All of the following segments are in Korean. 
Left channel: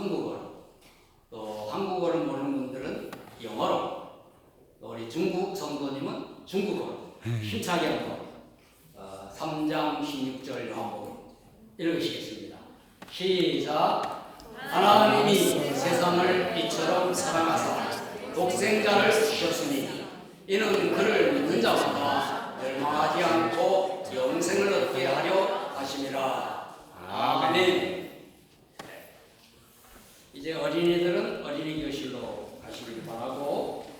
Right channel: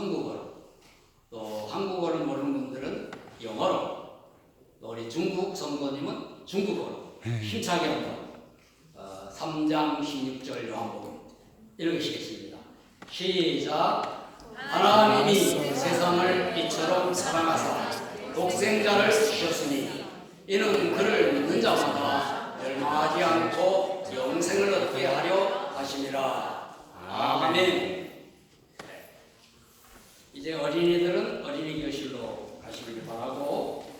한국어로, 또 한국어를 모르는 분들은 영어로, 또 우리 중국 성도님은 중국어로 힘차게 한번 3장 16절 요한복음 읽으시겠습니다. 시작. 하나님이 세상을 이처럼 사랑하사 독생자를 주셨으니 이는 그를 믿는 자마다 멸망하지 않고 영생을 얻게 하려 하심이라. 아멘. 이제 어린이들은 어린이 교실로 가시길 바라고,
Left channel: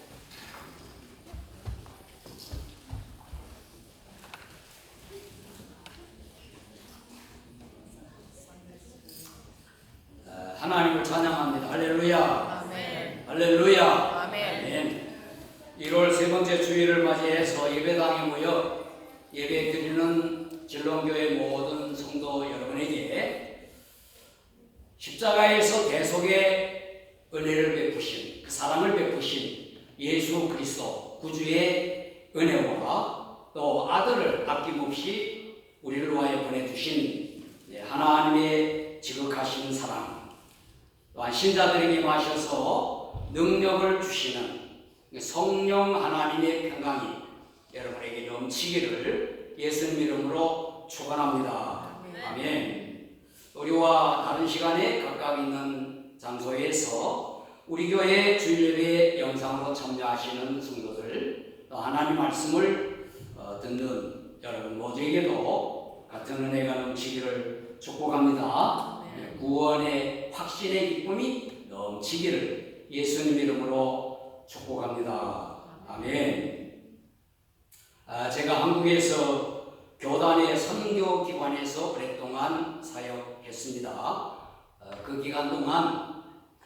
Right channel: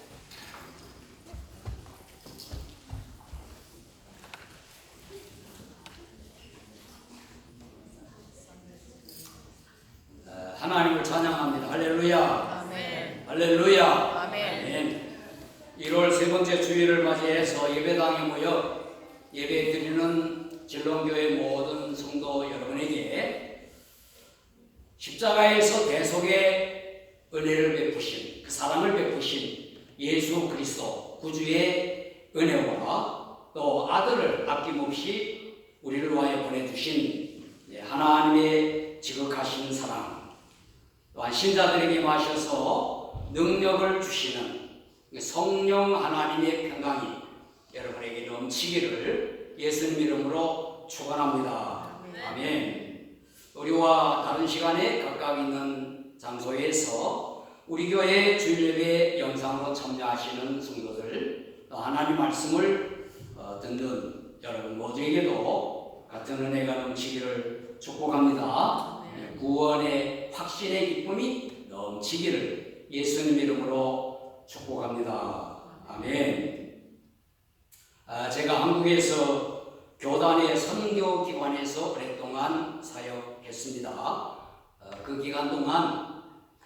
하나님을 찬양합니다. 할렐루야. 아멘. 할렐루야. 아멘. 1월 세 번째 주일을 맞이해서 예배당에 모여 예배 드리는 진롱교회 모든 성도 여러분에게 십자가에서 대속의 은혜를 베푸신, 그 사랑을 베푸신 예수 그리스도 구주의 은혜와 또 아들을 아낌없이 우리를 위하여 보내주신 하나님의 지극하신 사랑, 또한 신자들에게 마셔서 능력을 주시는 성령 하나님의 평강이 여러분에게 넘치기를 예수님 이름으로 축원합니다. 아멘. 우리와 다른 시간에 각각 있는 장소에서 우리 교회 주일예배 영상으로 참여하시는 성도들, 하나님 말씀을 듣는 여러분 모두에게도 같은 은혜가 넘치기를 축복합니다. 구원의 확신의 기쁨이 넘치기를 예수님 이름으로 축복합니다. 아멘. 제가 한국에서 교단의 선교기관에서 오랫동안 사역했습니다. 그 기간 동안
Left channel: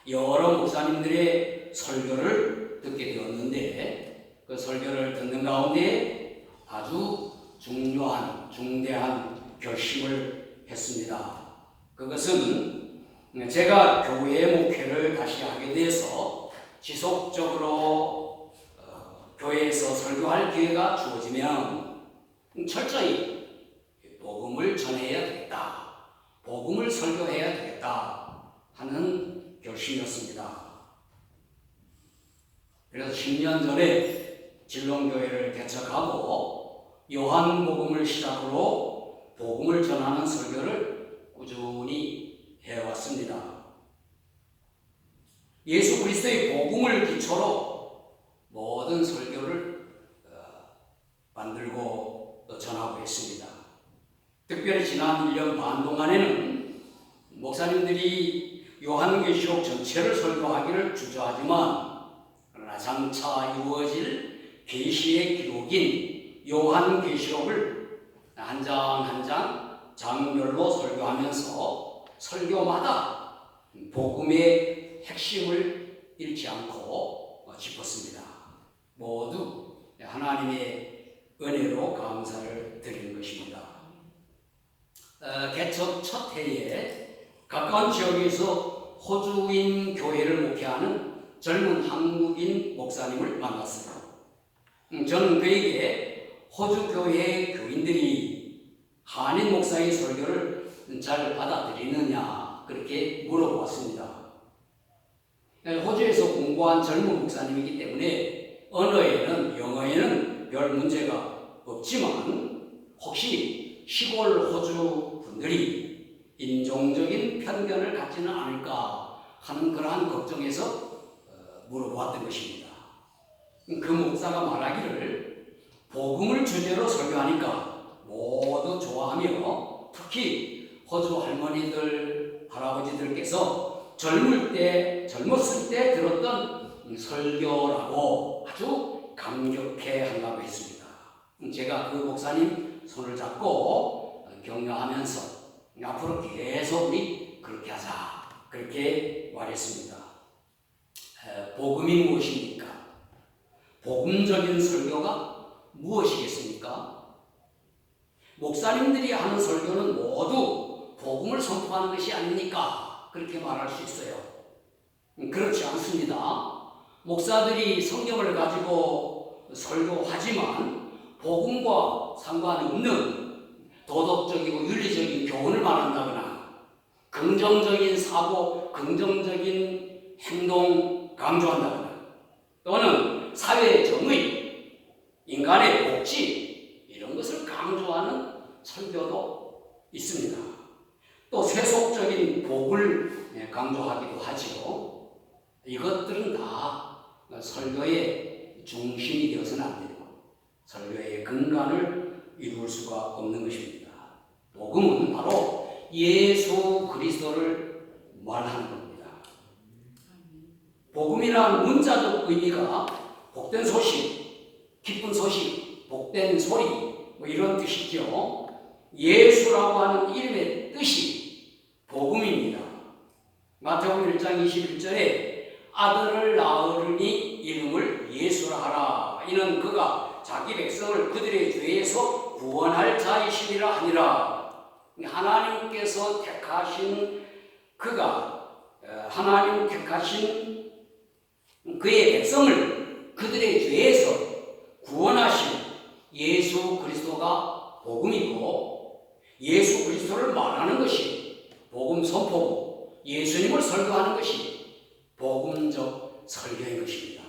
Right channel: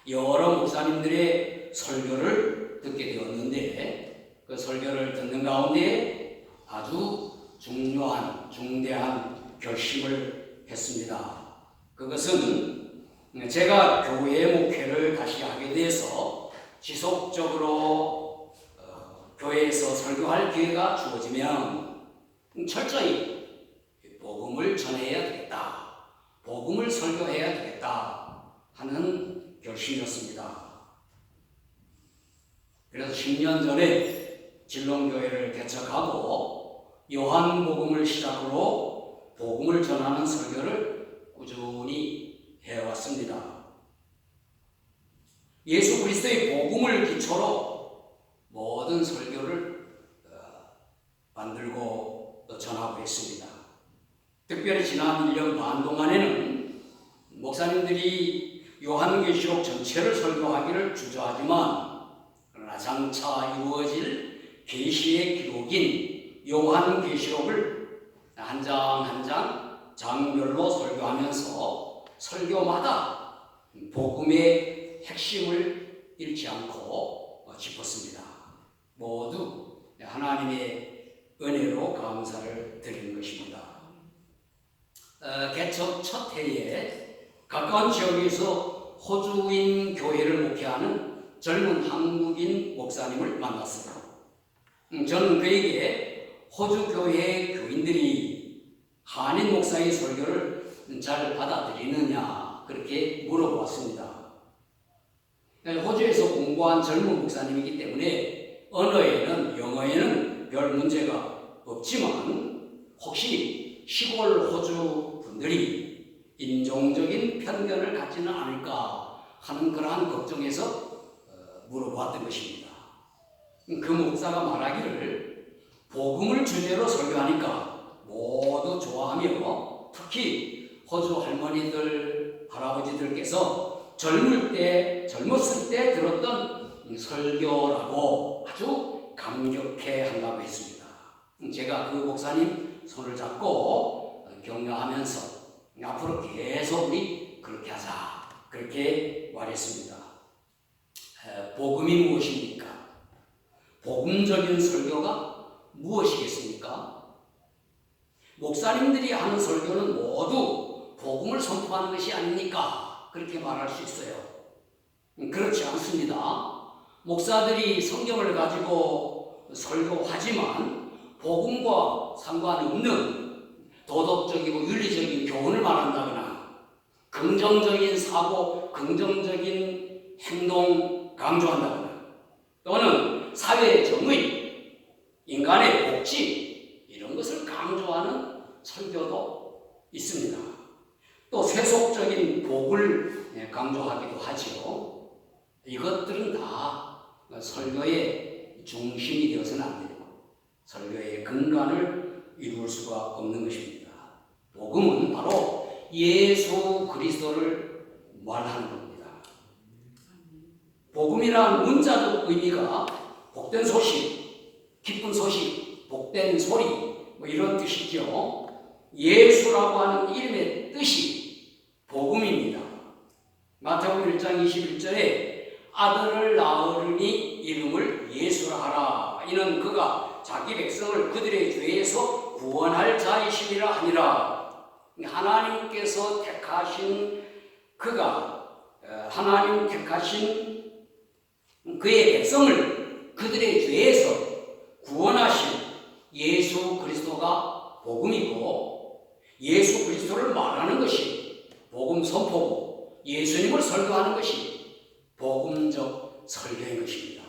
여러 목사님들의 설교를 듣게 되었는데, 그 설교를 듣는 가운데 아주 중대한 결심을 했습니다. 그것은 제가 교회의 목회를 다시 하게 돼서 지속적으로 교회에서 설교할 기회가 주어지면 철저히 복음을 전해야 되겠다, 복음을 설교해야 되겠다 하는 결심이었습니다. 그래서 10년 전에 진롱교회를 개척하고 요한복음을 시작으로 복음을 전하는 설교를 꾸준히 해왔습니다. 예수 그리스도의 복음을 기초로 모든 설교를 만들고 전하고 있습니다. 특별히 지난 1년 반 동안에는 목사님들이 요한계시록 전체를 설교하기를 주저하지만, 그러나 장차 이루어질 계시의 기록인 요한계시록을 한 장 한 장 장별로 설교하면서 설교마다 복음의 핵심을 잃지 않고 짚었습니다. 모두 하나님의 은혜로 감사를 드리는 것입니다. 개척 첫 해에 가까운 지역에서 호주인 교회를 목회하는 젊은 한국인 목사님을 만났어요. 저는 그에게 호주 교회 교인들이 한인 목사의 설교를 잘 받아들이느냐 그렇게 물어봤습니다. 호주에서 공부한 젊은 목사님이기 때문에 언어에는, 영어에는 별 문제가 없지만 혹시 시골 호주 분들이 인종적인 편견을 갖지는 않을까 하는 그러한 걱정에서 물어보았던 것입니다. 그 목사가 말하기를 복음을 주제로 설교하니까 모두 좋아하며, 특히 호주 할머니들, 할아버지들께서 젊었을 때 들었던 설교라고 아주 감격해 한다고 했습니다. 제가 그 목사님 손을 잡고 격려하면서 앞으로 계속 우리 그렇게 하자, 그렇게 말했습니다. 복음이 무엇입니까? 복음적인 설교가 무엇이겠습니까? 목사님들이 하는 설교는 모두 복음을 선포하는 것이 아닙니까? 그렇게 말할 수 있어요. 그렇지 않습니다. 목사들이 성경을 가지고 설교하지만 복음과 상관없는 도덕적이고 윤리적인 교훈을 말한다거나 긍정적인 사고 긍정적인 행동 강조한다거나 또는 사회 정의, 인간의 복지 이런 것을 강조하는 설교도 있습니다. 또 세속적인 복을 강조하기도 하지요. 이것들은 다 설교의 중심이 되어서는 안 되고 설교의 근간을 이룰 수가 없는 것입니다. 복음은 바로 예수 그리스도를 말하는 겁니다. 복음이라는 문자적 의미가 복된 소식, 기쁜 소식, 복된 소리 뭐 이런 뜻이죠. 예수라고 하는 이름의 뜻이 복음입니다. 마태복음 1장 21절에 아들을 낳으리니 이름을 예수라 하라. 이는 그가 자기 백성을 그들의 죄에서 구원할 자이시니라 하니라. 하나님께서 택하신 하나님 택하신 그의 백성을 그들의 죄에서 구원하신 예수 그리스도가 복음이고, 예수 그리스도를 말하는 것이 복음 선포고, 예수님을 설교하는 것이 복음적 설교인 것입니다.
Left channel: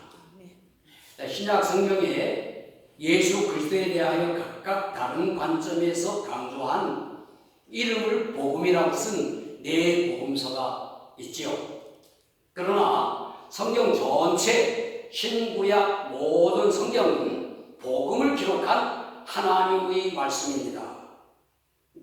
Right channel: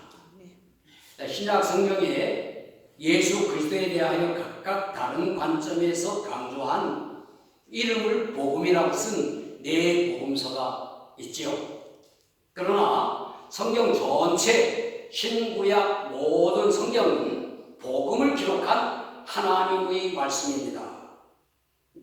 신약 성경에 예수 그리스도에 대하여 각각 다른 관점에서 강조한 이름을 복음이라고 쓴 네 복음서가 있지요. 그러나 성경 전체 신구약 모든 성경은 복음을 기록한 하나님의 말씀입니다.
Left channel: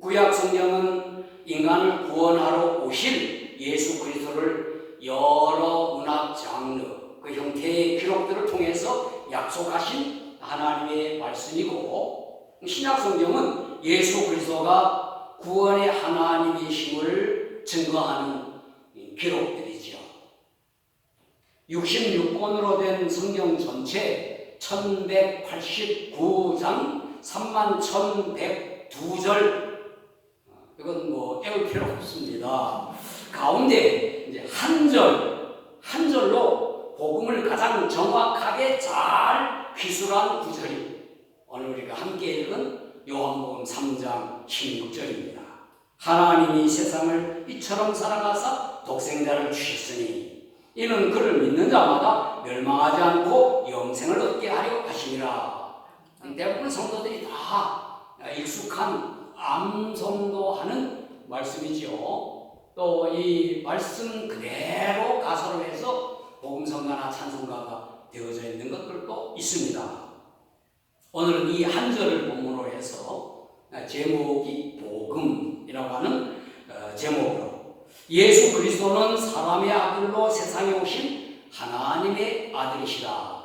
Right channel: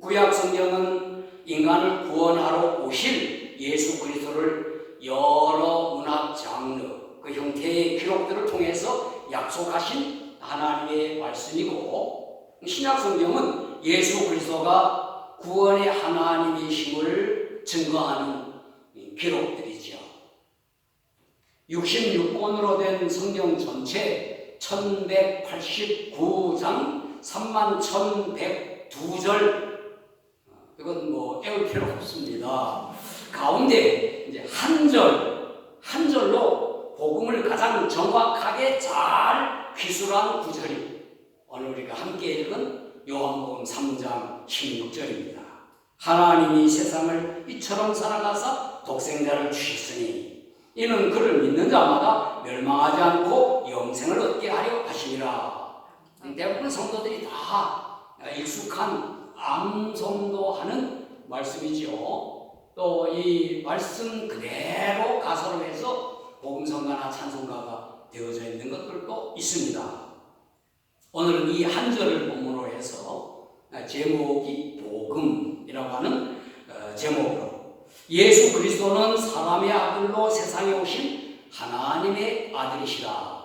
구약 성경은 인간을 구원하러 오실 예수 그리스도를 여러 문화 장르, 그 형태의 기록들을 통해서 약속하신 하나님의 말씀이고, 신약 성경은 예수 그리스도가 구원의 하나님이심을 증거하는 기록들이죠. 66권으로 된 성경 전체 1189장 31,102절, 이건 뭐 애울 필요가 없습니다. 가운데 이제 한 절로 복음을 가장 정확하게 잘 기술한 구절이 오늘 우리가 함께 읽은 요한복음 3장 16절입니다. 하나님이 세상을 이처럼 사랑하사 독생자를 주셨으니 이는 그를 믿는 자마다 멸망하지 않고 영생을 얻게 하려 하심이라. 대부분 성도들이 다 익숙한 암송도하는 말씀이지요. 또 이 말씀 그대로 가사로 해서 복음성가나 찬송가가 되어져 있는 것들도 있습니다. 오늘은 이 한 절을 본문으로 해서 제목이 복음이라고 하는 제목으로, 예수 그리스도는 사람의 아들로 세상에 오신 하나님의 아들이시라.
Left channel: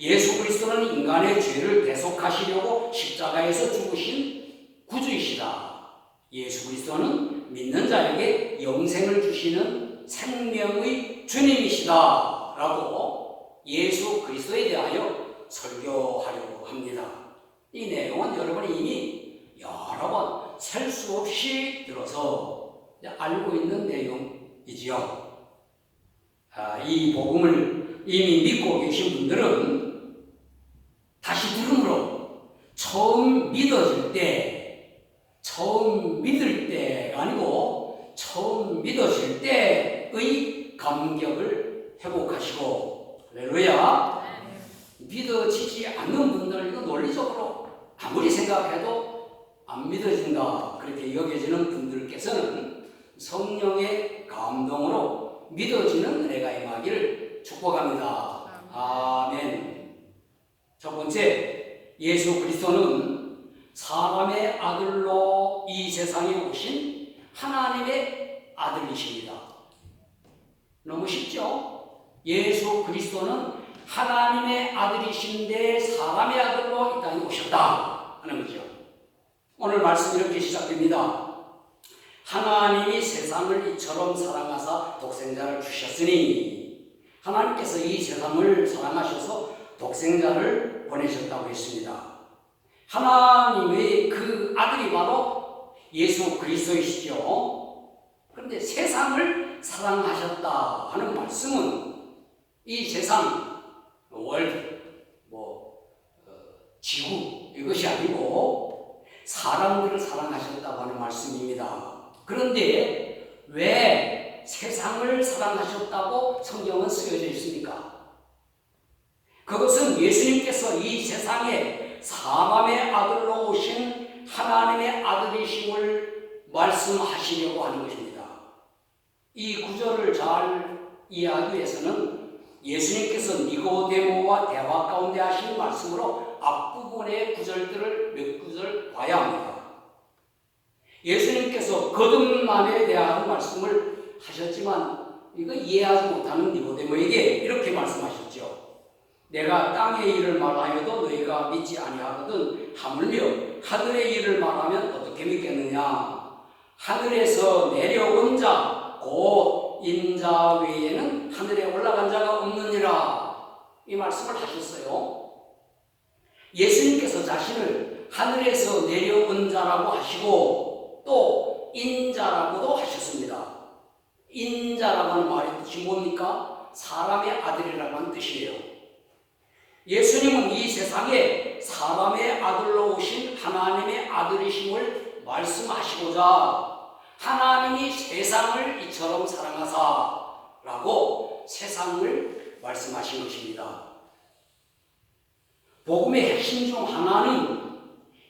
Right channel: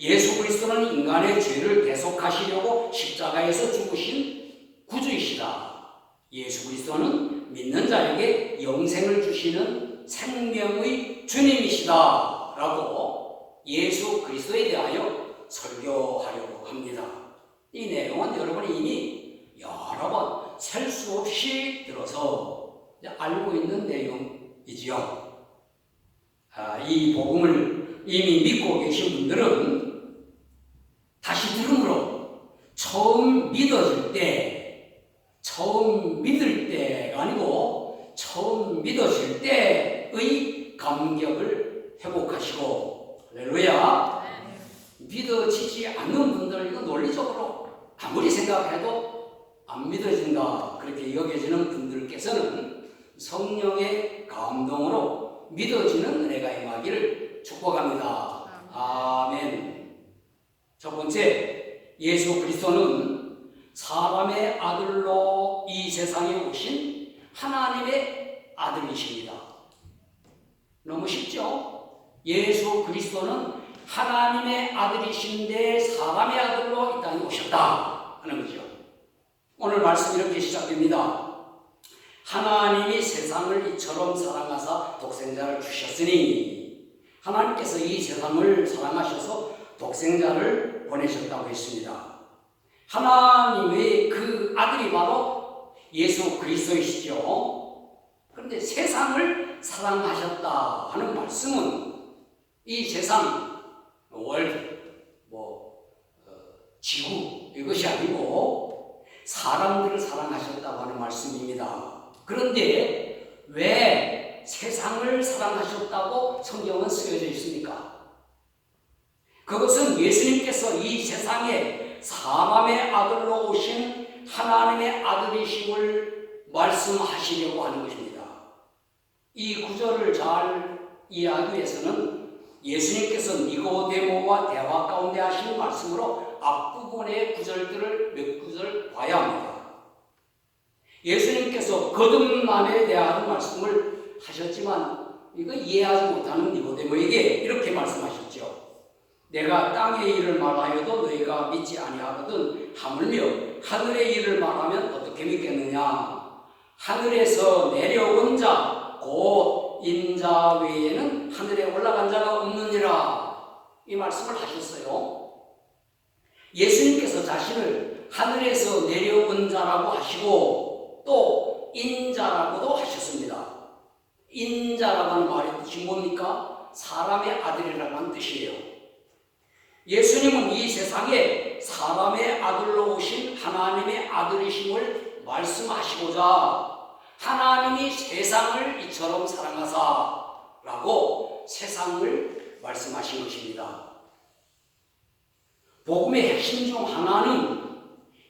예수 그리스도는 인간의 죄를 대속하시려고 십자가에서 죽으신 구주이시라. 예수 그리스도는 믿는 자에게 영생을 주시는 생명의 주님이시다 라고 예수 그리스도에 대하여 설교하려고 합니다. 이 내용은 여러분이 이미 여러 번 셀 수 없이 들어서 알고 있는 내용이지요. 이 복음을 이미 믿고 계신 분들은 다시 들음으로 처음 믿을 때가 아니고 처음 믿어질 때의 감격을 회복하시고, 할렐루야. 믿어지지 않는 분들, 이거 논리적으로 아무리 생각해도 안 믿어진다 그렇게 여겨지는 분들께서는 성령의 감동으로 믿어지는 은혜가 임하기를 축복합니다. 아멘. 첫 번째, 예수 그리스도는 사람의 아들로 이 세상에 오신 하나님의 아들이십니다. 너무 쉽죠? 예수 그리스도는 하나님의 아들이신데 사람의 아들로 이 땅에 오셨다 하는 거죠. 오늘 말씀 이렇게 시작됩니다. 하나님이 세상을 이처럼 사랑하사 독생자를 주셨으니, 하나님께서 이 세상을 사랑하셔서 독생자를 보내셨다고 했습니다. 하나님의 그 아들이 바로 예수 그리스도이시죠. 그런데 세상을 사랑하셨다 하는 말씀은 이 세상, 월드, 지구 이것이 아니고 사람들을 사랑하셨다고 하는 말씀입니다. 그런데 왜 세상을 사랑하셨다고 성경은 쓰여져 있습니까? 그것은 예수님께서 이 세상에 사람의 아들로 오신 하나님의 아들이심을 말씀하시려고 하는 것입니다. 이 구절을 잘 이해하기 위해서는 예수님께서 니고데모와 대화 가운데 하신 말씀으로 앞부분의 구절들을 몇 구절 봐야 합니다. 예수님께서 거듭남에 대한 말씀을 하셨지만 이거 이해하지 못하는 니고데모에게 이렇게 말씀하셨죠. 내가 땅의 일을 말하여도 너희가 믿지 아니하거든 하물며 하늘의 일을 말하면 어떻게 믿겠느냐. 하늘에서 내려온 자 곧 인자 외에는 하늘에 올라간 자가 없느니라. 이 말씀을 하셨어요. 예수님께서 자신을 하늘에서 내려온 자라고 하시고 또 인자라고도 하셨습니다. 인자라는 말의 뜻이 뭡니까? 사람의 아들이라는 뜻이에요. 예수님은 이 세상에 사람의 아들로 오신 하나님의 아들이심을 말씀하시고자 하나님이 세상을 이처럼 사랑하사 라고 세상을 말씀하신 것입니다. 복음의 핵심 중 하나는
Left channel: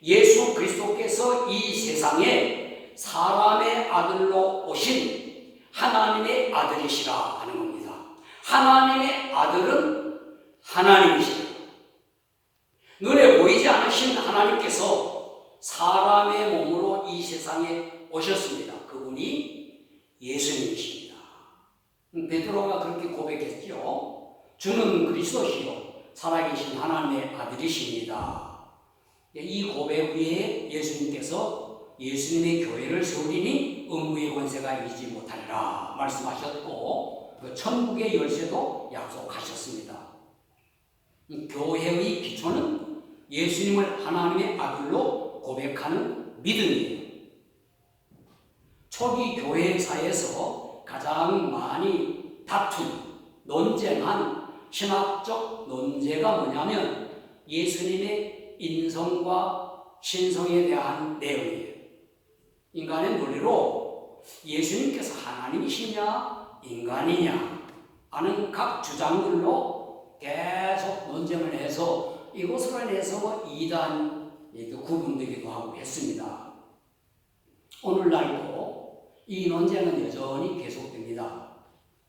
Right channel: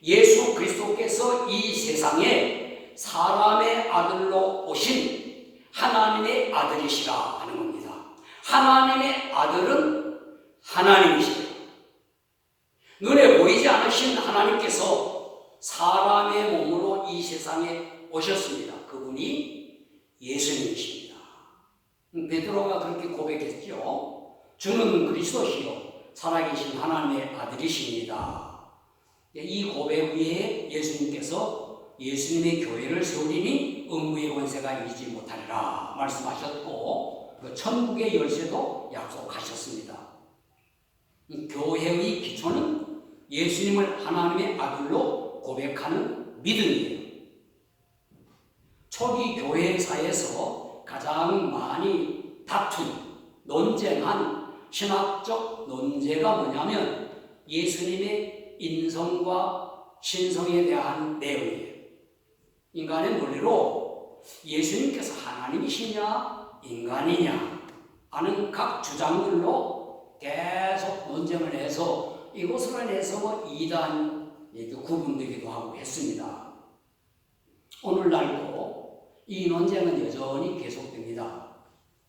예수 그리스도께서 이 세상에 사람의 아들로 오신 하나님의 아들이시라 하는 겁니다. 하나님의 아들은 하나님이시다. 눈에 보이지 않으신 하나님께서 사람의 몸으로 이 세상에 오셨습니다. 그분이 예수님이십니다. 베드로가 그렇게 고백했죠. 주는 그리스도시요 살아계신 하나님의 아들이십니다. 이 고백 위에 예수님께서 예수님의 교회를 세우리니 음부의 권세가 이기지 못하리라 말씀하셨고 그 천국의 열쇠도 약속하셨습니다. 교회의 기초는 예수님을 하나님의 아들로 고백하는 믿음이에요. 초기 교회사에서 가장 많이 다툰, 논쟁한 신학적 논제가 뭐냐면 예수님의 인성과 신성에 대한 내용이에요. 인간의 논리로 예수님께서 하나님이시냐 인간이냐 하는 각 주장들로 계속 논쟁을 해서 이것으로 인해서 이단에도 구분되기도 하고 했습니다. 오늘날도 이 논쟁은 여전히 계속됩니다.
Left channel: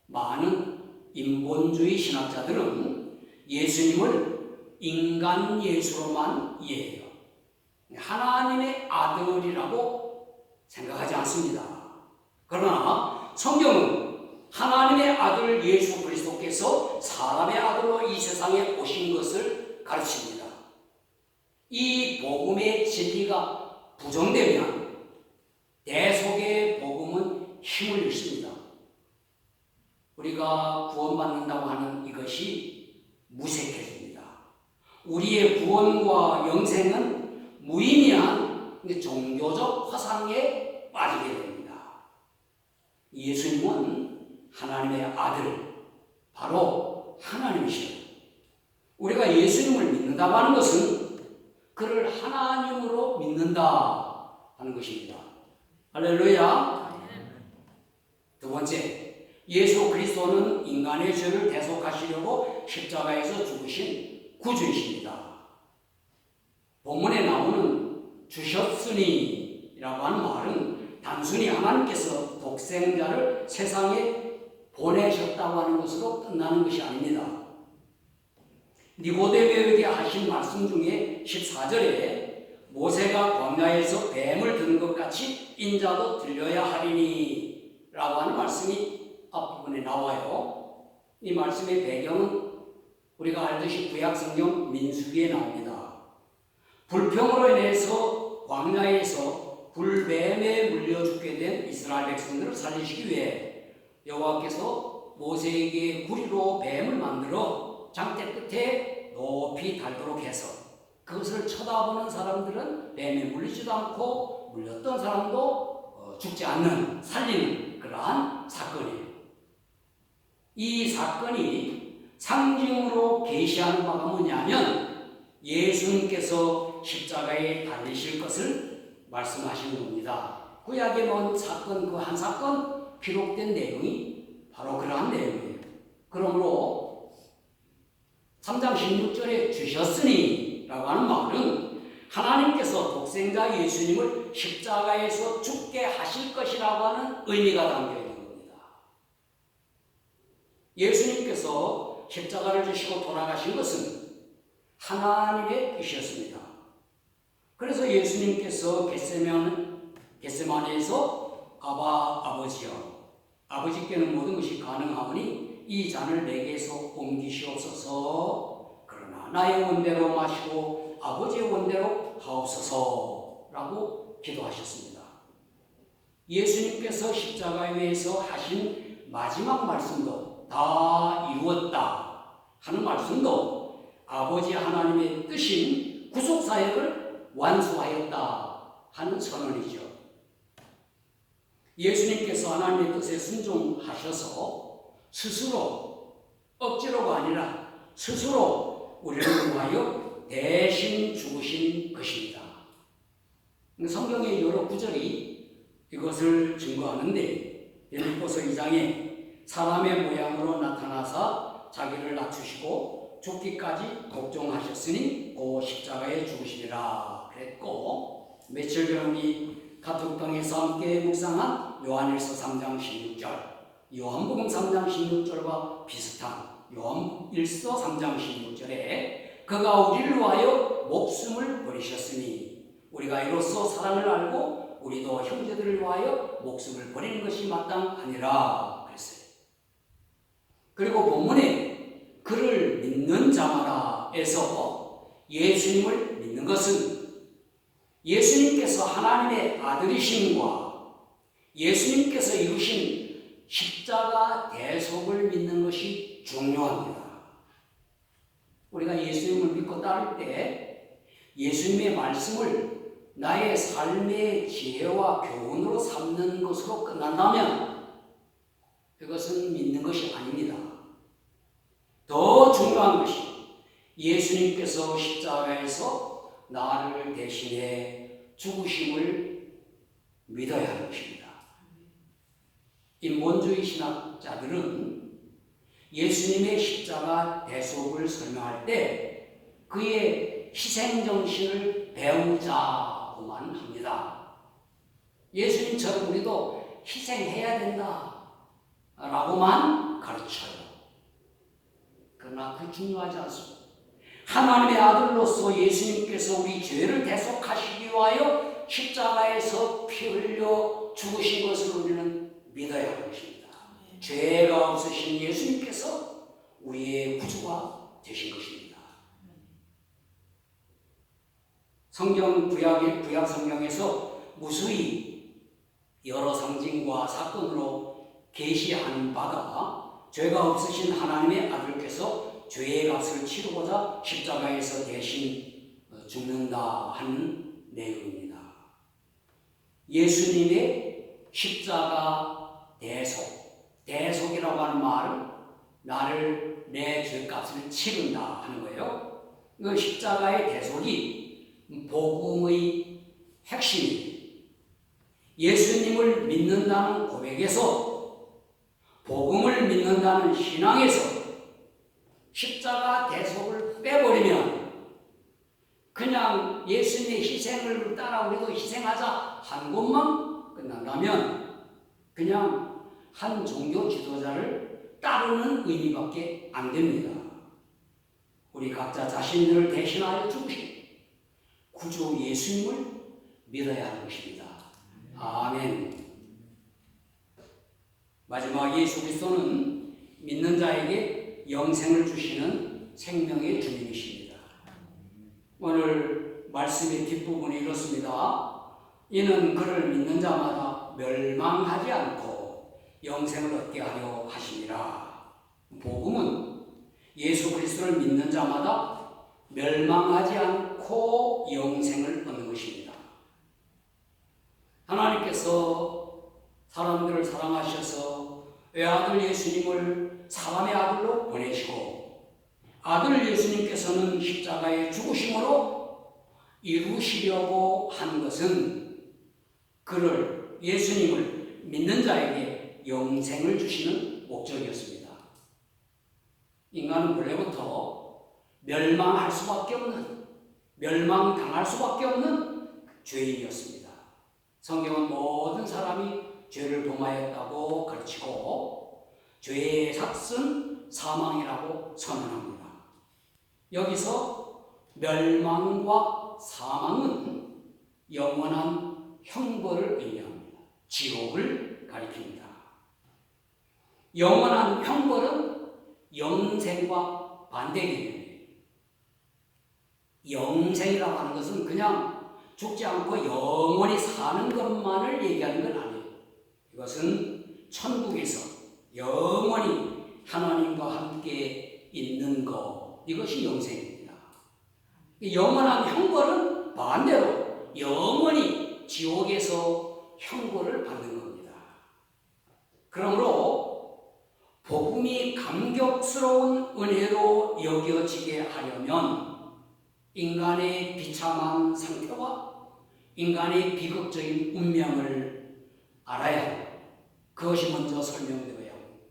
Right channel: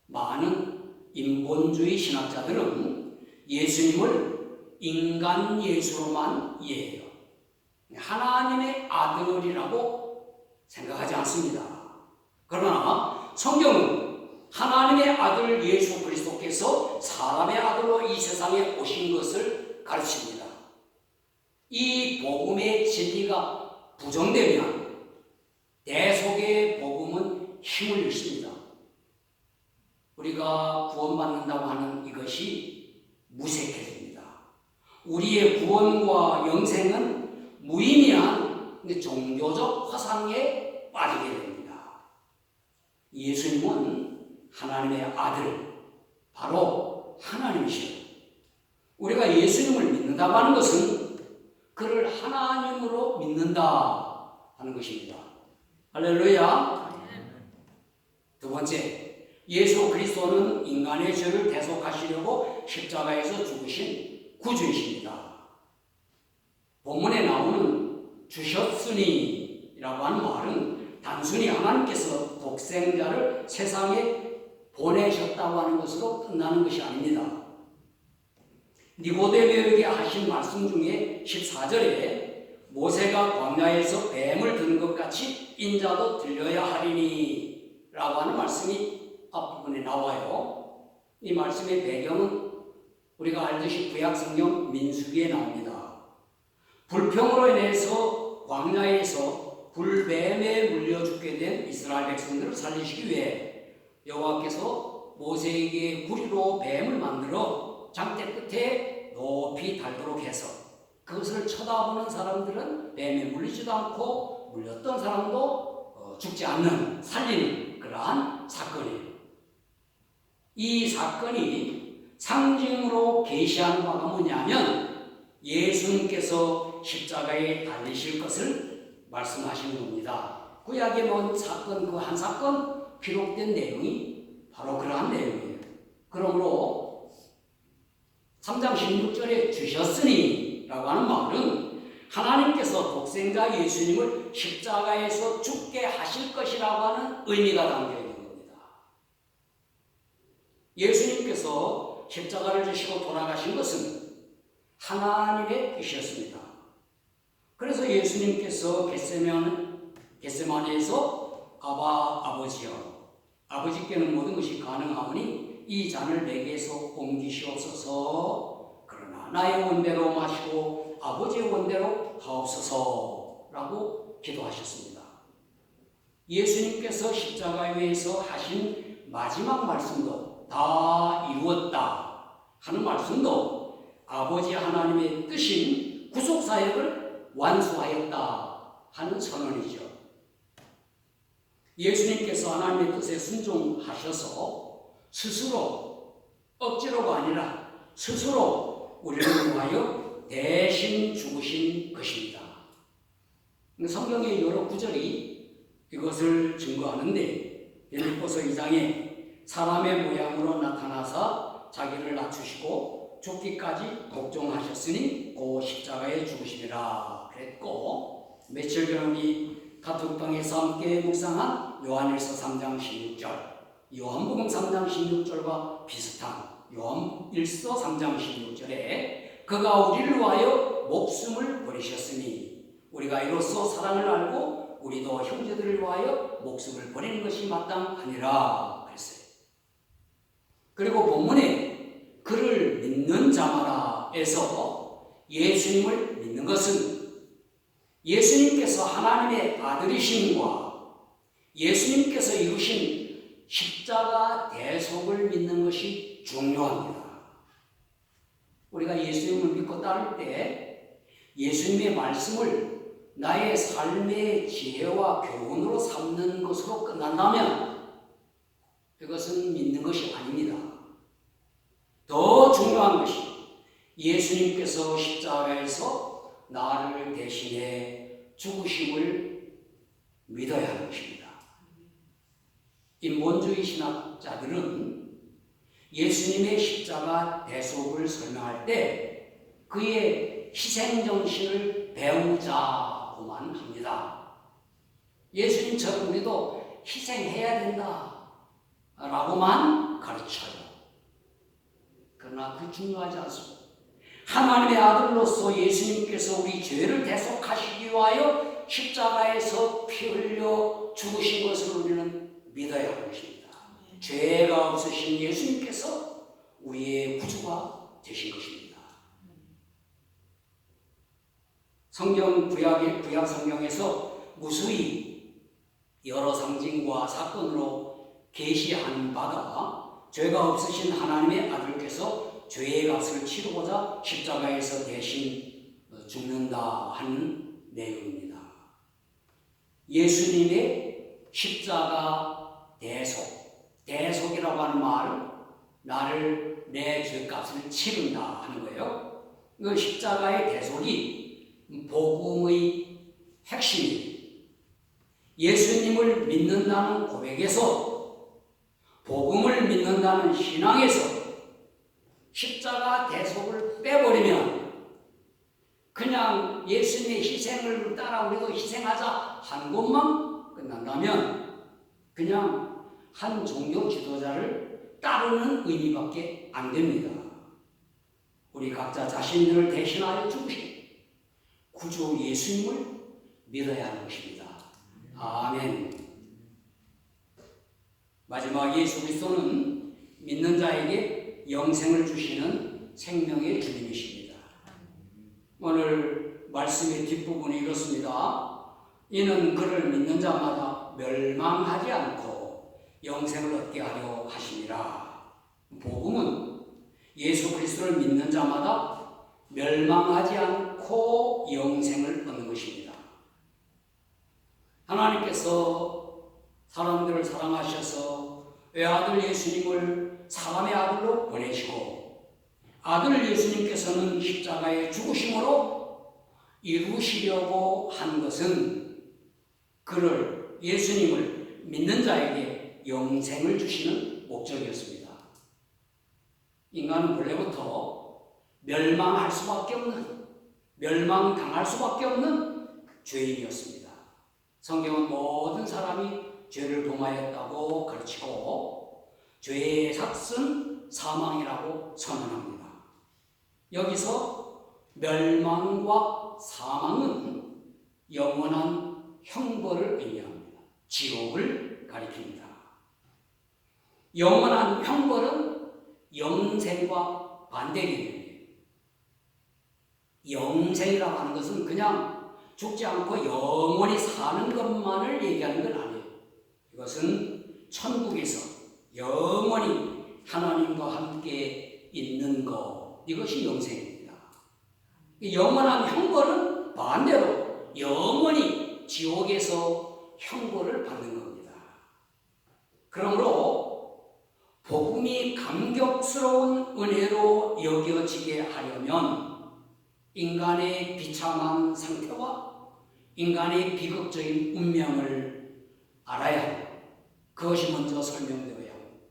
많은 인본주의 신학자들은 예수님을 인간 예수로만 이해해요. 하나님의 아들이라고 생각하지 않습니다. 그러나 성경은 하나님의 아들 예수 그리스도께서 사람의 아들로 이 세상에 오신 것을 가르칩니다. 이 복음의 진리가 부정되면 대속의 복음은 힘을 잃습니다. 우리가 구원받는다고 하는 이것이 무색해집니다. 우리의 구원과 영생은 무의미한 종교적 화상에 빠지게 됩니다. 예수님은 하나님의 아들, 바로 하나님이시죠. 우리가 예수님을 믿는다고 하는 것은 그를 하나님으로 믿는다 하는 것입니다. 할렐루야. 두 번째, 예수 그리스도는 인간의 죄를 대속하시려고 십자가에서 죽으신 구주이십니다. 본문에 나오는 주셨으니라고 하는 말은 단순히 하나님께서 독생자를 세상에 보내셨다고 하는 것으로 끝나는 것이 아닙니다. 니고데모에게 하신 말씀 중에 14절에 모세가 광야에서 뱀을 드는 것 같이 인자도 들려야 하리니 라고 하는 말씀이 앞부분에 나와요. 이 말씀의 배경은 우리가 알듯이 구약성경 민수기에 나옵니다. 불평으로 인해서 광야에서 불뱀에 물려 죽게 된 이스라엘 백성들을 살리시기 위해 여호와께서 모세에게 구리로 뱀을 만들어 장대 끝에 높이 달도록 해서 그것을 쳐다보는 사람들은 뱀에 물리지도 않고 물렸던 사람도 죽지 않는, 살리는 그러한 사건이에요. 이 사건이 상징으로 계시하는 바가 뭐냐면 예수님께서 십자가에 달리실 것을 말씀하시는 겁니다. 구약의 뭔 사건, 그 한 사건, 기록된 내용이 바로 그러한 내용이에요. 그러므로 3장 16절에 주셨으니 라고 하는 말은 하나님께서 독생자 예수님을 십자가에서 죽게 하실 것이라고 하는 의미가 담겨 있는 겁니다. 예수님께서 십자가를 지시고 돌아가신 것은 하나님의 뜻이었습니다. 그래서 예수님께서 겟세마네에서 아버지여, 아버지께는 모든 것이 가능하오니 이 잔을 내게서 옮기시옵소서. 그러나 나의 원대로 마시고 아버지의 원대로 하옵소서라고 기도하셨습니다. 예수님께서 십자가 위에서 하신 마지막 말씀도 다 이루었다 하는 말씀도 아버지 하나님의 뜻인 구속사역을 완수하였다 하는 선언이죠. 예수님께서 하나님의 뜻에 순종하셔서 스스로, 억지로가 아니라 스스로 우리를 위하여 대신 죽으신 것입니다. 성경의 여러 구절이 이것을 증거하는데, 빌립보서 2장에 사람의 모양으로 나타나사 자기를 낮추시고 죽기까지 복종하셨으니 그 십자가에 죽으시리라 그랬고, 며칠 전 우리 가톡방에서 함께 묵상한 요한일서 3장 16절, 요한복음 3장 16절과 비슷한 요한일서 3장 16절에 그가 우리를 위하여 목숨을 버리셨으니 우리가 이로써 사랑을 알고 우리도 형제들을 위하여 목숨을 버리는 것이 마땅하니라 그랬어요. 그리고 본문에 그를 믿는 자마다에서 예수님을 믿는 것은 예수님께서 하나님의 아들이심과 예수님께서 이루신 십자가 대속을 믿는 것이 중요합니다. 우리가 예수님을 믿고 따를 때 예수님의 말씀을 나의 삶의 지혜와 교훈으로 삼는 것으로 끝난다면 그것은 믿는 것이 아닙니다. 더 중요한 것이 예수님께서 십자가에서 나를 대신해 죽으심을 믿어야 하는 것입니다. 인본주의 신학자들은 예수님의 십자가 대속을 설명할 때 그의 희생정신을 배우자고만 합니다. 예수님처럼 우리도 희생해야 된다 라고만 가르쳐요. 그러나 그 중요하지 않습니다. 하나님의 아들로서 예수님께서 우리 죄를 대속하시기 위하여 십자가에서 피 흘려 죽으신 것을 우리는 믿어야 하는 것입니다. 죄가 없으신 예수님께서 우리의 구주가 되신 것입니다. 성경 구약 성경에서 무수히 여러 상징과 사건으로 계시하는 바가 죄가 없으신 하나님의 아들께서 죄의 값을 치르고자 십자가에서 대신 죽는다 하는 내용입니다. 예수님의 십자가 대속이라고 하는 말은 나를 내 죄값을 치른다 하는 거예요. 그 십자가의 대속이 복음의 핵심이에요. 예수님을 믿는다는 고백에서, 복음을 믿는다는 신앙에서 십자가 대속을 빼버리면 그냥 예수님의 희생을 따라 우리도 희생하자 한 것만 끝난다면 그냥 한 종교 지도자를 따르는 의미밖에 안 됩니다. 우리 각자 자신을 대신하여 죽으신 구주 예수님을 믿어야 하는 것입니다. 아멘. 마지막 예수 그리스도는 믿는 자에게 영생을 주시는 생명의 주님이십니다. 오늘 말씀의 뒷부분이 이렇습니다. 이는 그를 믿는 자마다 멸망하지 않고 영생을 얻게 하려 하심이라. 복음은 예수 그리스도를 믿는 자마다 멸망하지 않고 영생을 얻는 것입니다. 하나님께서 사람들을 사랑하셔서 외아들 예수님을 사람의 아들로 보내시고 아들 예수님께서는 십자가의 죽으심으로 이루시려고 한 것은 그를, 예수님을 믿는 자에게 영생을 주시는 목적이었습니다. 인간은 원래부터 멸망할 수밖에 없는, 멸망당할 수밖에 없는 죄인이었습니다. 성경은 모든 사람이 죄를 범하였다고 가르치고 죄의 삭은 사망이라고 선언합니다. 여기서 멸망과 사망은 영원한 형벌을 의미합니다. 지옥을 가리킵니다. 영원한 형벌은 영생과 반대 개념이에요. 영생이라고 하는 것은 그냥 죽지 않고 영원히 사는 것만을 얘기하는 건 아니에요. 이것은 천국에서 영원히 하나님과 함께 있는 것, 이것이 영생입니다. 영원한 형벌은 반대로 영원히 지옥에서 형벌을 받는 겁니다. 그러므로 복음이 감격스러운 은혜로 여겨지게 하려면 인간의 비참한 상태와 인간의 비극적인 운명을 알아야 합니다. 그것이 먼저 설명되어야 합니다.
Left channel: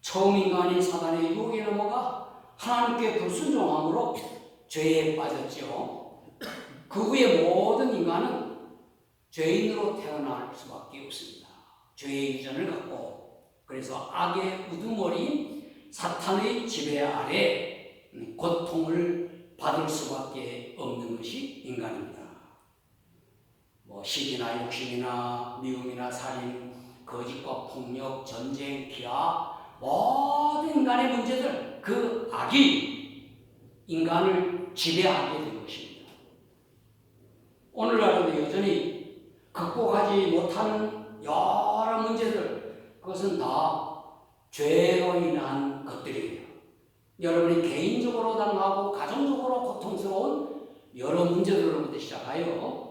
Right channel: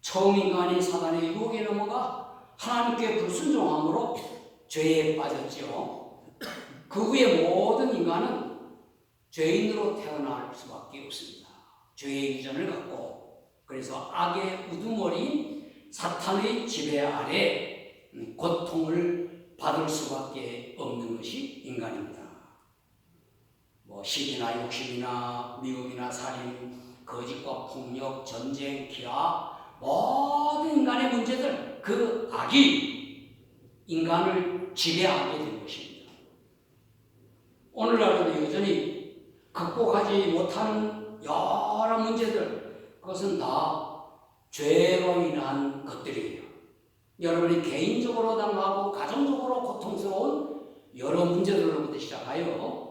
처음 인간이 사단의 유혹에 넘어가 하나님께 불순종함으로 죄에 빠졌지요. 그 후에 모든 인간은 죄인으로 태어날 수밖에 없습니다. 죄의 유전을 갖고, 그래서 악의 우두머리인 사탄의 지배 아래 고통을 받을 수밖에 없는 것이 인간입니다. 시기나 욕심이나 미움이나 살인, 거짓과 폭력, 전쟁, 기아, 모든 인간의 문제들, 그 악이 인간을 지배하게 된 것입니다. 오늘날에도 여전히 극복하지 못하는 여러 문제들, 그것은 다 죄로 인한 것들이에요. 여러분이 개인적으로 당하고 가정적으로 고통스러운 여러 문제들로부터 시작하여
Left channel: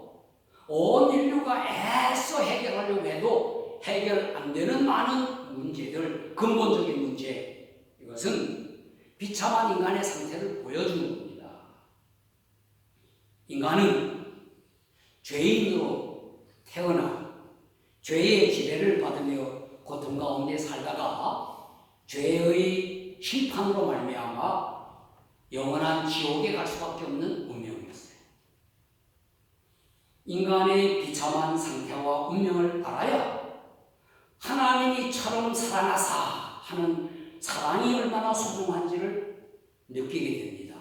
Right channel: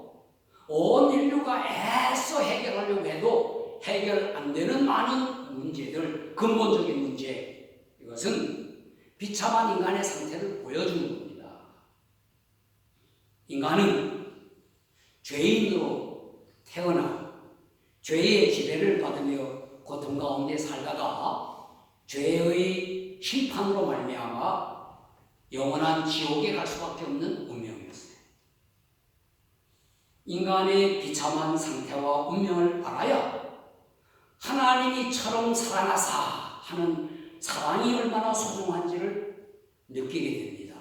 온 인류가 애써 해결하려고 해도 해결 안 되는 많은 문제들, 근본적인 문제, 이것은 비참한 인간의 상태를 보여주는 겁니다. 인간은 죄인으로 태어나 죄의 지배를 받으며 고통 가운데 살다가 죄의 심판으로 말미암아 영원한 지옥에 갈 수밖에 없는 운명이었어요. 인간의 비참한 상태와 운명을 알아야 하나님이 처럼 살아나사 하는 사랑이 얼마나 소중한지를 느끼게 됩니다.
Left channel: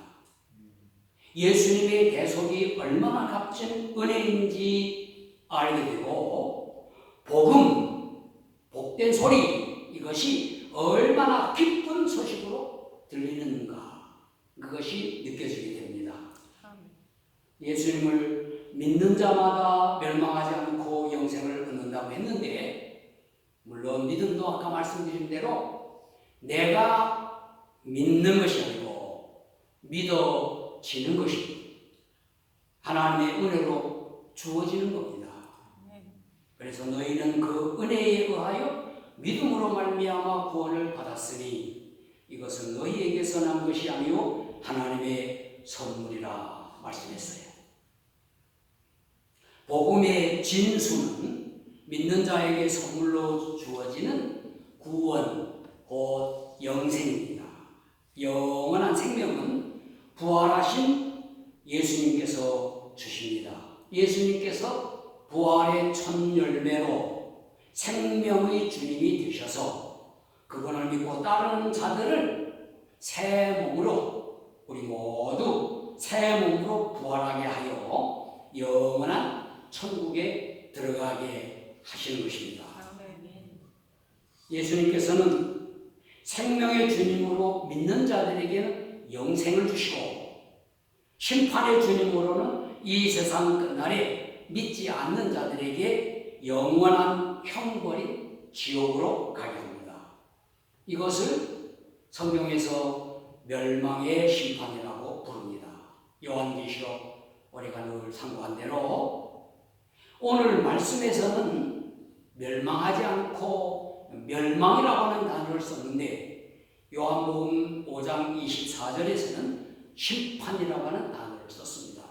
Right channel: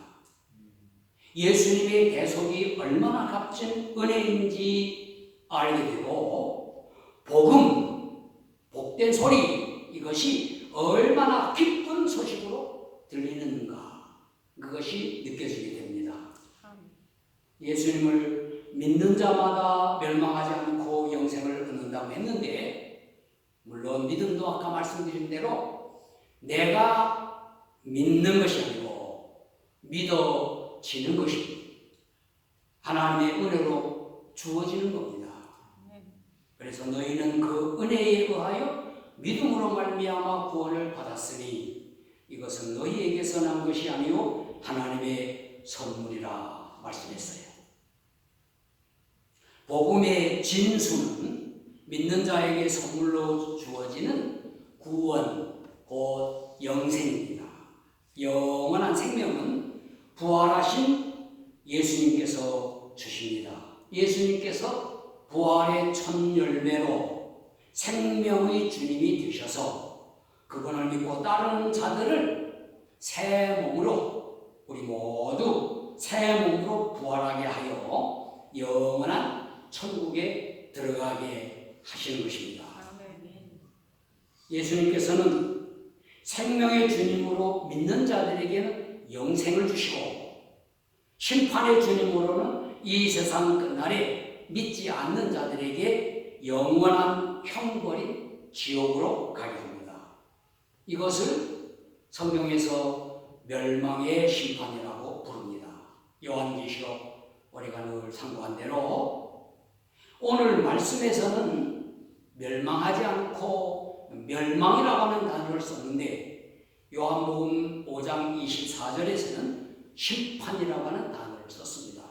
예수님의 대속이 얼마나 값진 은혜인지 알게 되고, 복음, 복된 소리, 이것이 얼마나 기쁜 소식으로 들리는가, 그것이 느껴지게 됩니다. 예수님을 믿는 자마다 멸망하지 않고 영생을 얻는다고 했는데, 물론 믿음도 아까 말씀드린 대로 내가 믿는 것이 아니고 믿어지는 것이 하나님의 은혜로 주어지는 겁니다. 그래서 너희는 그 은혜에 의하여 믿음으로 말미암아 구원을 받았으니 이것은 너희에게서 난 것이 아니요 하나님의 선물이라 말씀했어요. 복음의 진수는 믿는 자에게 선물로 주어지는 구원, 곧 영생입니다. 영원한 생명은 부활하신 예수님께서 주십니다. 예수님께서 부활의 첫 열매로 생명의 주님이 되셔서 그분을 믿고 따르는 자들을 새 몸으로, 우리 모두 새 몸으로 부활하게 하여 영원한 천국에 들어가게 하시는 것입니다. 예수님께서는 생명의 주님으로 믿는 자들에게는 영생을 주시고, 심판의 주님으로는 이 세상 끝날에 믿지 않는 자들에게 영원한 형벌인 지옥으로 가게 합니다. 이것을 성경에서 멸망의 심판이라고 부릅니다. 요한계시록 우리가 늘 상고한 대로 오늘 말씀에서는 멸망하지 않고 멸망이라고 하는 단어를 썼는데, 요한복음 5장 24절에서는 심판이라고 하는 단어를 썼습니다.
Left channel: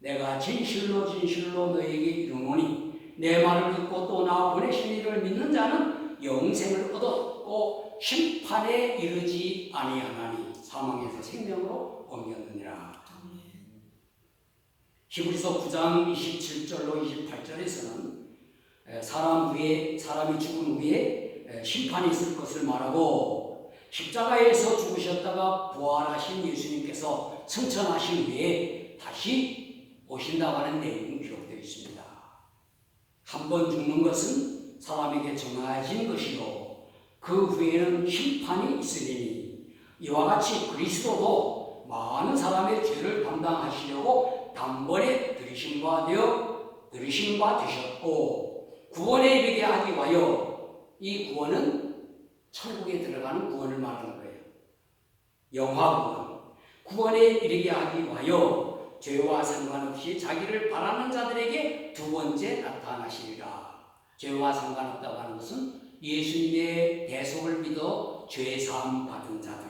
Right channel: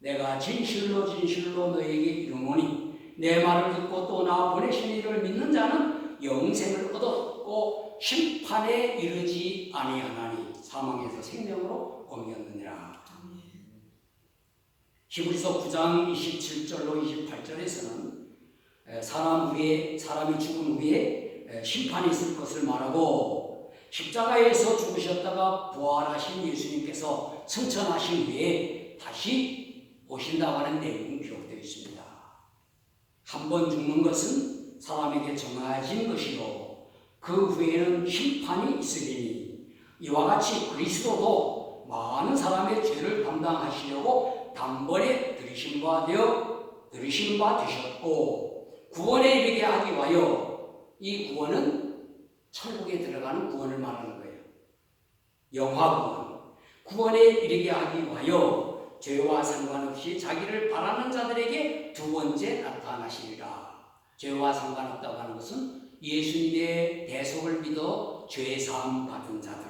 내가 진실로 진실로 너에게 이르노니 내 말을 듣고 또 나 보내신 이를 믿는 자는 영생을 얻었고 심판에 이르지 아니하나니 사망에서 생명으로 옮겼느니라. 히브리서 9장 27절로 28절에서는 사람이 죽은 후에 심판이 있을 것을 말하고 십자가에서 죽으셨다가 부활하신 예수님께서 승천하신 후에 다시 오신다고 하는 내용이 기록되어 있습니다. 한 번 죽는 것은 사람에게 정해진 것이고 그 후에는 심판이 있으리니 이와 같이 그리스도도 많은 사람의 죄를 담당하시려고 단번에 들이신 바 되셨고 구원에 이르게 하기 위하여 이 구원은 천국에 들어가는 구원을 말하는 거예요. 영화 구원에 이르게 하기 위하여 죄와 상관없이 자기를 바라는 자들에게 두 번째 나타나시리라. 죄와 상관없다고 하는 것은 예수님의 대속을 믿어 죄 사함 받은 자들,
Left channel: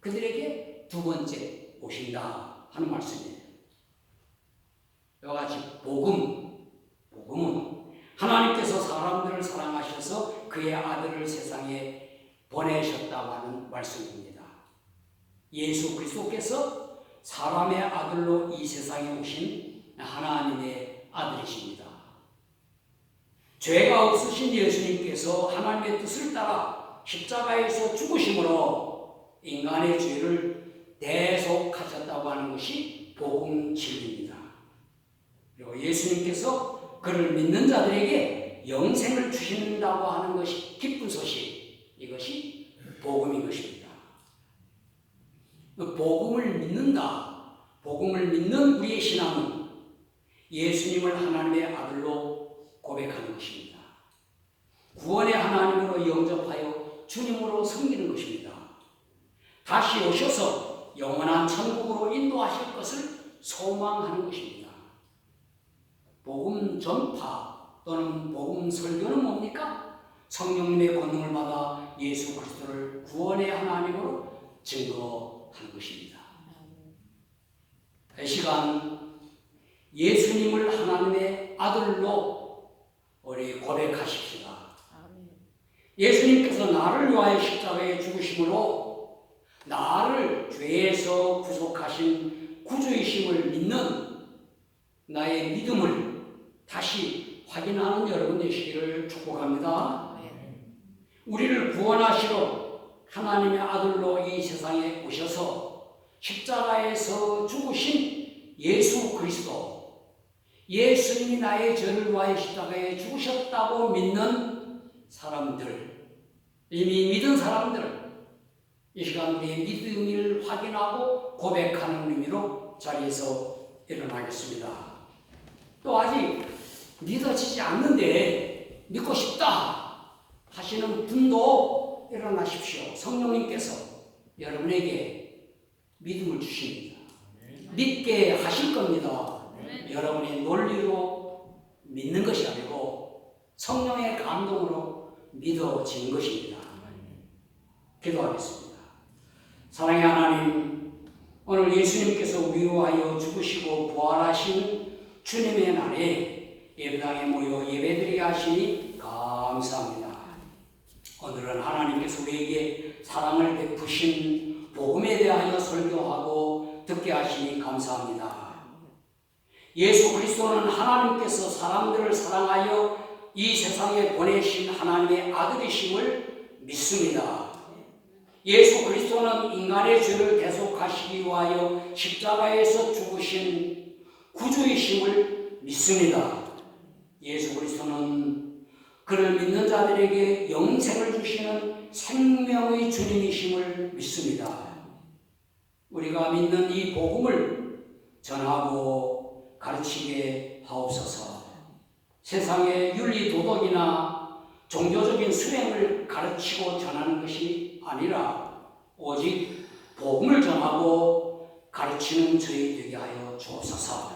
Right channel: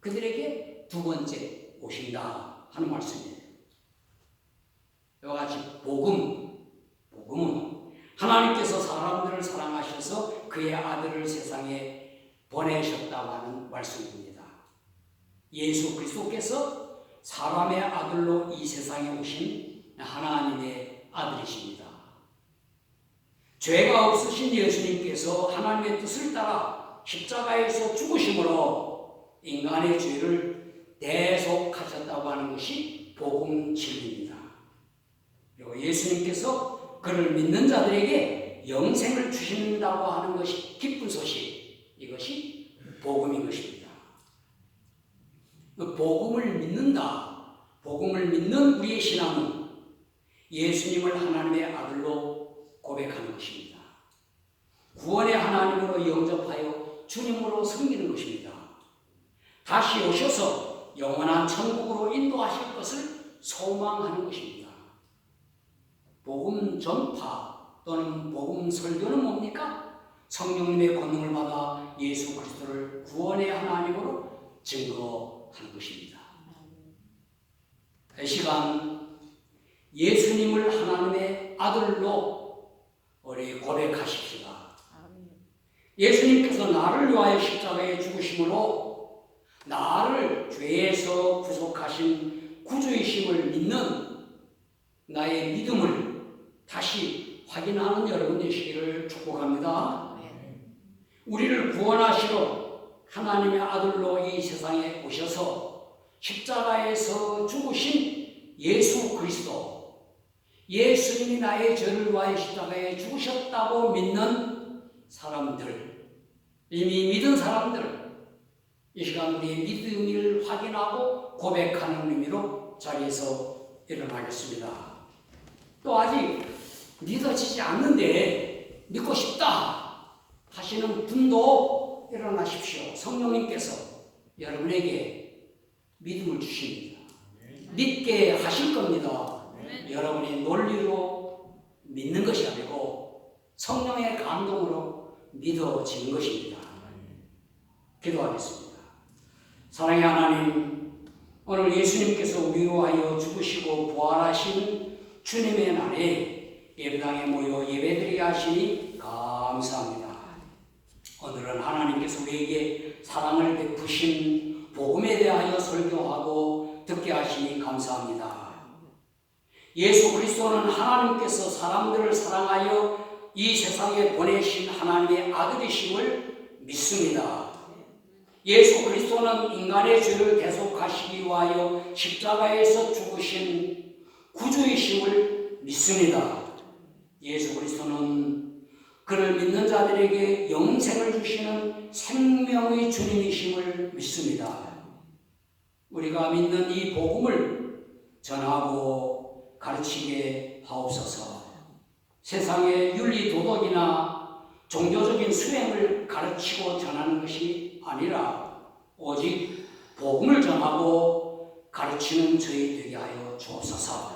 그들에게 두 번째 오신다 하는 말씀이에요. 이와 같이 복음은 하나님께서 사람들을 사랑하셔서 그의 아들을 세상에 보내셨다고 하는 말씀입니다. 예수 그리스도께서 사람의 아들로 이 세상에 오신 하나님의 아들이십니다. 죄가 없으신 예수님께서 하나님의 뜻을 따라 십자가에서 죽으심으로 인간의 죄를 대속하셨다고 하는 것이 복음 진리입니다. 그리고 예수님께서 그를 믿는 자들에게 영생을 주신다고 하는 것이 기쁜 소식, 이것이 복음인 것입니다. 복음을 믿는다, 복음을 믿는 우리의 신앙은 예수님을 하나님의 아들로 고백하는 것입니다. 구원의 하나님으로 영접하여 주님으로 섬기는 것입니다. 다시 오셔서 영원한 천국으로 인도하실 것을 소망하는 것입니다. 복음 전파 또는 복음 설교는 뭡니까? 성령님의 권능을 받아 예수 그리스도를 구원의 하나님으로 증거하는 것입니다. 이 시간 예수님을 하나님의 아들로 우리 고백하십시다. 예수님께서 나를 위하여 십자가에 죽으심으로 나를 죄에서 구속하신 구주이심을 믿는 나의 믿음을 다시 확인하는 여러분 되시기를 축복합니다. 우리를 구원하시러 하나님의 아들로 이 세상에 오셔서 십자가에서 죽으신 예수 그리스도, 예수님이 나의 죄를 위하여 십자가에 죽으셨다고 믿는 사람들, 이미 믿은 사람들, 이 시간 우리의 믿음을 확인하고 고백하는 의미로 자리에서 일어나겠습니다. 또 아직 믿어지지 않는데 믿고 싶다 하시는 분도 일어나십시오. 성령님께서 여러분에게 믿음을 주십니다. 믿게 하실 겁니다. 여러분의 논리로 믿는 것이 아니고 성령의 감동으로 믿어지는 것입니다. 기도하겠습니다. 사랑의 하나님, 오늘 예수님께서 우리 위하여 죽으시고 부활하신 주님의 날에 예배당에 모여 예배드리게 하시니 감사합니다. 오늘은 하나님께서 우리에게 사랑을 베푸신 복음에 대하여 설교하고 듣게 하시니 감사합니다. 예수 그리스도는 하나님께서 사람들을 사랑하여 이 세상에 보내신 하나님의 아들이심을 믿습니다. 예수 그리스도는 인간의 죄를 대속하시기 위하여 십자가에서 죽으신 구주이심을 믿습니다. 예수 그리스도는 그를 믿는 자들에게 영생을 주시는 생명의 주님이심을 믿습니다. 우리가 믿는 이 복음을 전하고 가르치게 하옵소서. 세상의 윤리 도덕이나 종교적인 수행을 가르치고 전하는 것이 아니라 오직 복음을 전하고 가르치는 저희 되게 하여 주옵소서.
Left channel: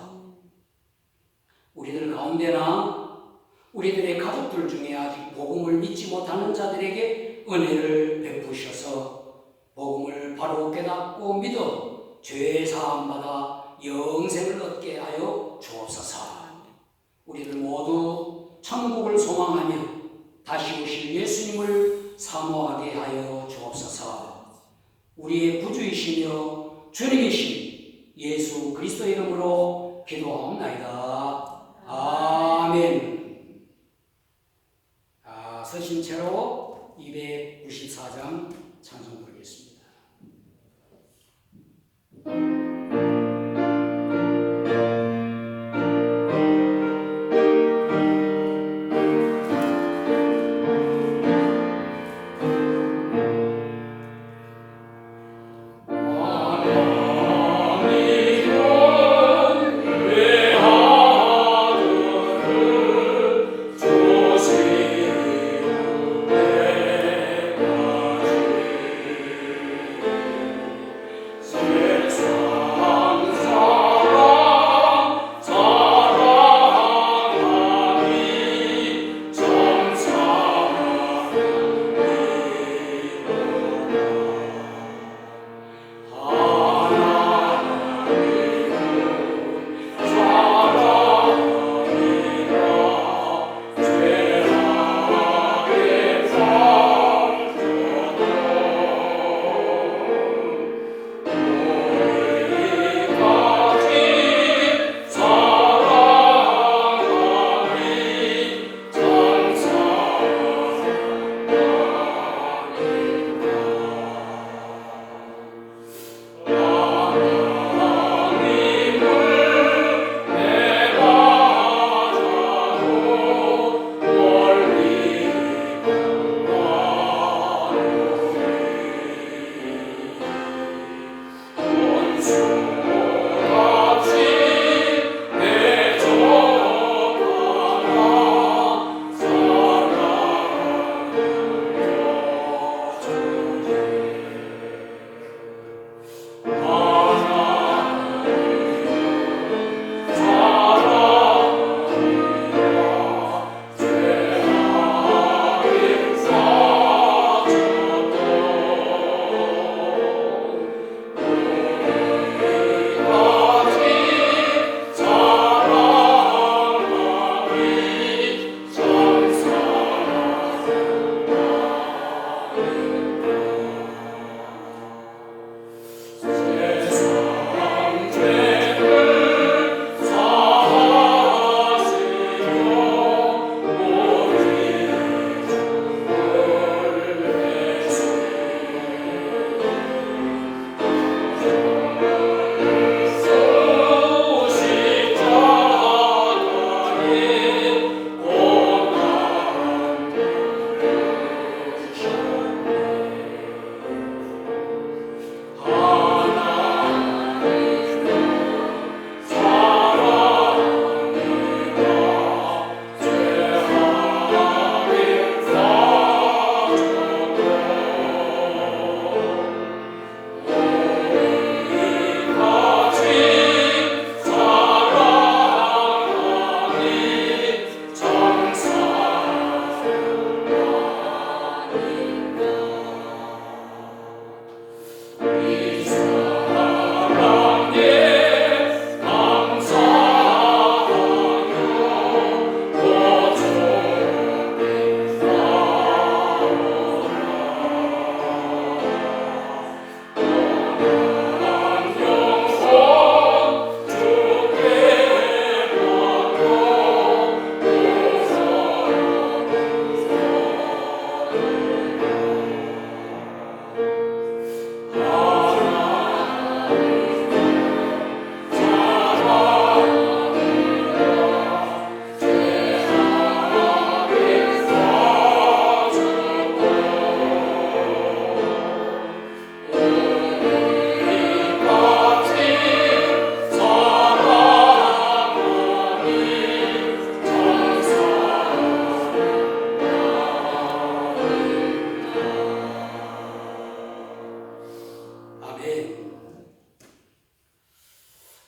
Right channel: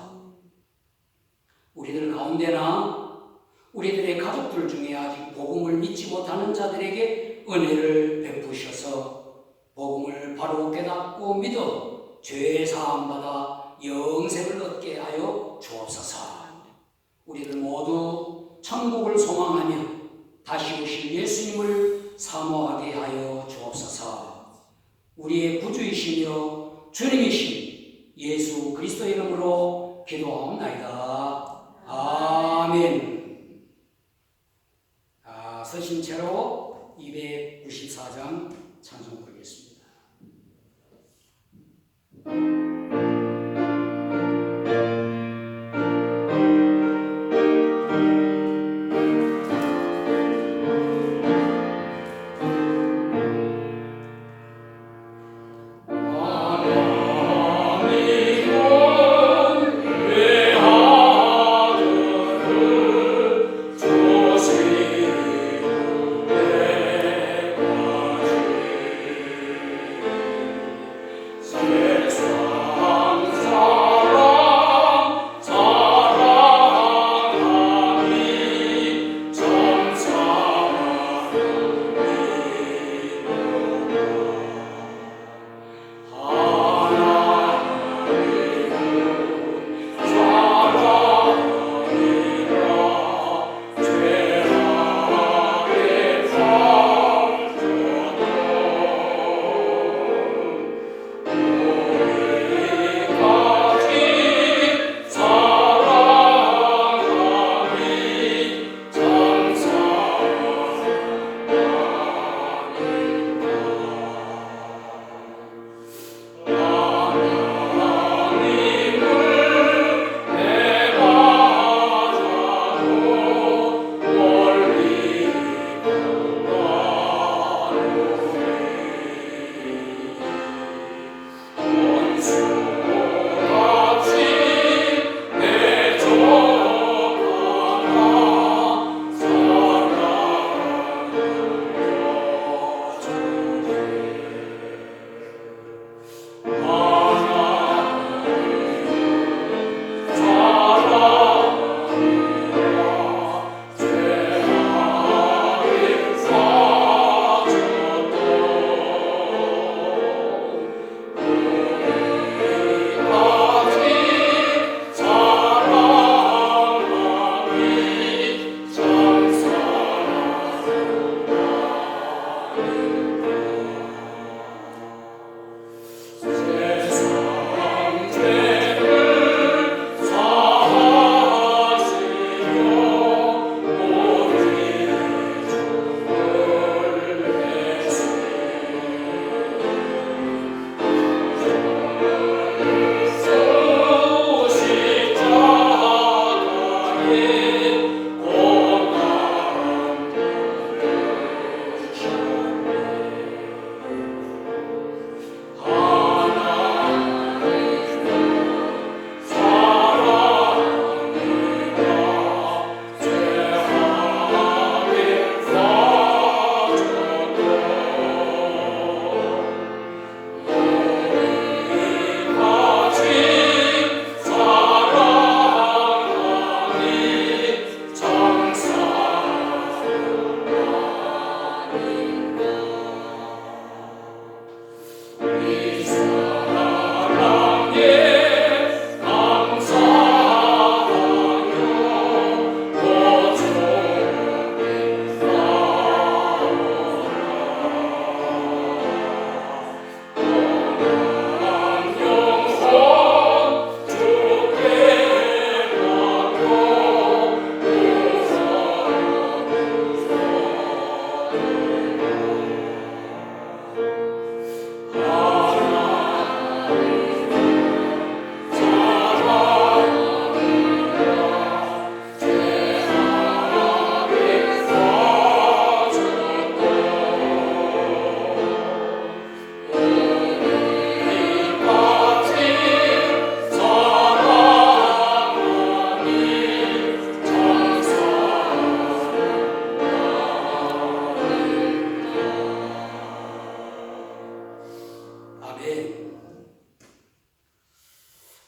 우리들 가운데나 우리들의 가족들 중에 아직 복음을 믿지 못하는 자들에게 은혜를 베푸셔서 복음을 바로 깨닫고 믿어 죄 사함 받아 영생을 얻게 하여 주옵소서. 우리들 모두 천국을 소망하며 다시 오실 예수님을 사모하게 하여 주옵소서. 우리의 구주이시며 주님이신 예수 그리스도의 이름으로 기도하옵나이다. 아멘. 서신 채로 294장 찬송 부르겠습니다.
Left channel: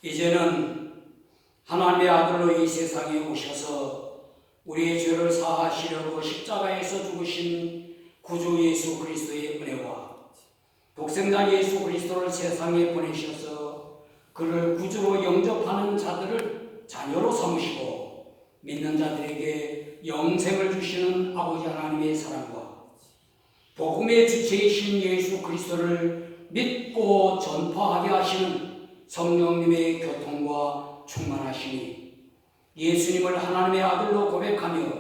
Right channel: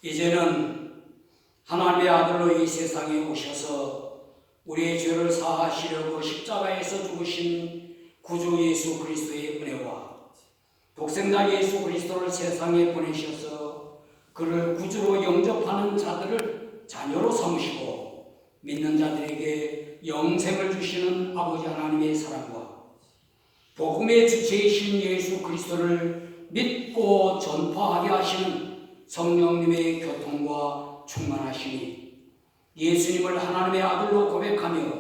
이제는 하나님의 아들로 이 세상에 오셔서 우리의 죄를 사하시려고 십자가에서 죽으신 구주 예수 그리스도의 은혜와 독생자 예수 그리스도를 세상에 보내셔서 그를 구주로 영접하는 자들을 자녀로 삼으시고 믿는 자들에게 영생을 주시는 아버지 하나님의 사랑과 복음의 주체이신 예수 그리스도를 믿고 전파하게 하시는 성령님의 교통과 충만하시니 예수님을 하나님의 아들로 고백하며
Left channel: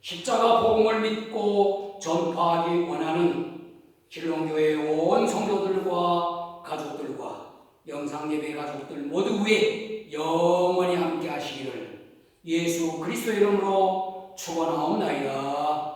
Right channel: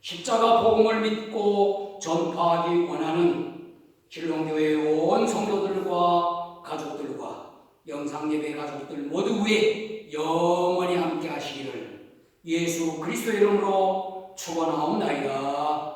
십자가 복음을 믿고 전파하기 원하는 신롱교회 온 성도들과 가족들과 영상예배 가족들 모두 위에 영원히 함께 하시기를 예수 그리스도 이름으로 축원하옵나이다.